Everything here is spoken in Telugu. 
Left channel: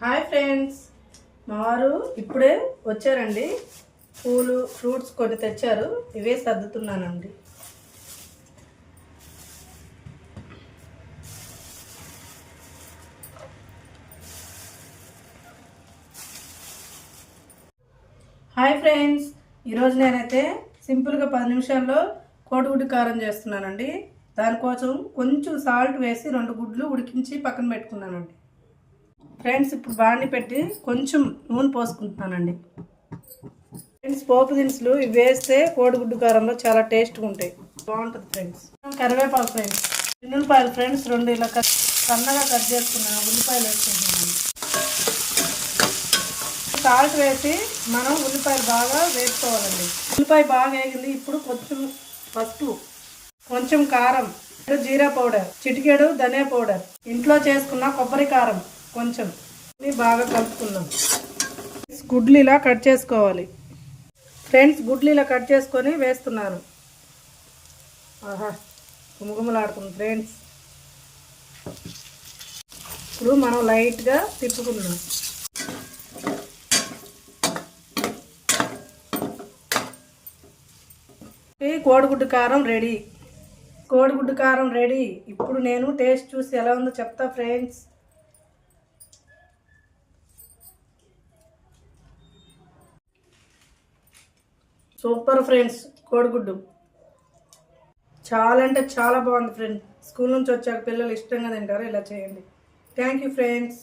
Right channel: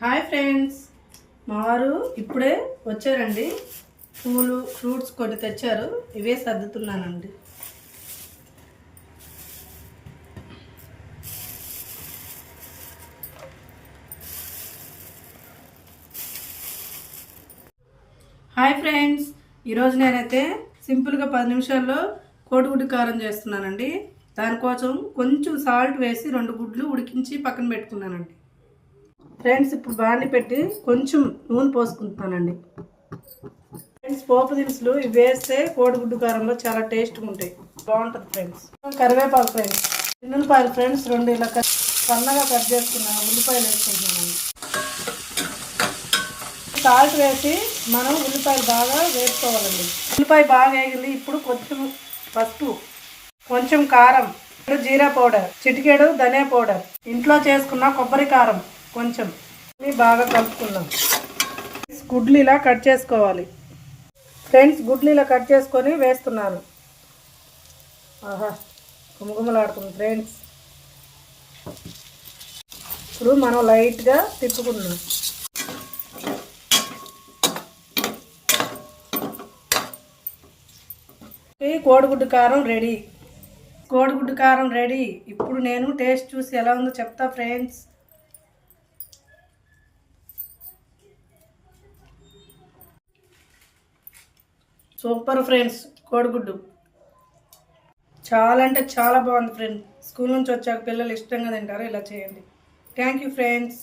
Hi friends. మావారు ఇప్పుడే వచ్చారండి. పూలు ఫ్రూట్స్ కొన్ని తెచ్చారు. ఇవే సర్దుతున్నానండి. Hi friends. ఈరోజు నేనైతే సింపుల్గా పది నిమిషాల్లో కోడిగుడ్డు కారం చేస్తున్నానండి. దానికోసం కొంచెం సాల్ట్ వేసి రెండు గుడ్లు ఉడికించి పక్కన పెట్టుకున్నానండి. ఫ్రెండ్స్ ఇప్పుడు బాండి పెట్టి కొంచెం నూనె పోసుకుంటున్నానండి. ఫ్రెండ్స్ పోపు దినుసులు ఇవి వేస్తే కోడిగుడ్డు కారంలో చాలా టేస్ట్గా ఉంటాయి. బాగుంటుంది ఫ్రెండ్స్ కరివేపాకు ఫ్రెండ్స్ చిన్నులపాయలు ఫ్రెండ్స్ రెండు ఇలా కట్ సన్నగా కట్ చేసుకున్నాను ఉల్లిపాయలు వేసుకుంటున్నాను. సాల్ట్ వేసి మనం ఉల్లిపాయలు బాగా వేసుకోవాలండి. ఉల్లిపాయ బాగా వేగింది ఇప్పుడు కొంచెం పసుపు కొంచెం కారం జీరా పౌడర్ చిటికేడు ధనియా పౌడర్. ఇంట్లో చేసుకున్న కొబ్బరి కారం. కొంచెం. బాగా కలుపుకుందాం. గుడ్లు ఇలా కట్ చేసుకోవాలి. ఫ్రెండ్స్ గుడ్లు ఇలా కట్ చేసుకొని వేస్తున్నాను. ఆహా గుమగుమలాడుతుంది ఫ్రెండ్స్. ఇప్పుడు మనం లైట్గా తిప్పుకుందాం. కోడిగుడ్డు కారం రెడీ. కోడిగుడ్డు కారం రెడీ. ఇప్పుడు నేను టేస్ట్ చూసి ఎలా ఉందో చెప్తా ఫ్రెండ్స్. సూపర్ ఫ్రెండ్స్ కోడిగుడ్డు. చాలా అంటే చాలా బాగుంది ఫ్రెండ్స్ స్కూల్ నుంచి వచ్చాక పిల్లలు ఇష్టంగా తింటారు ఇలా చేయండి. Thank you friends.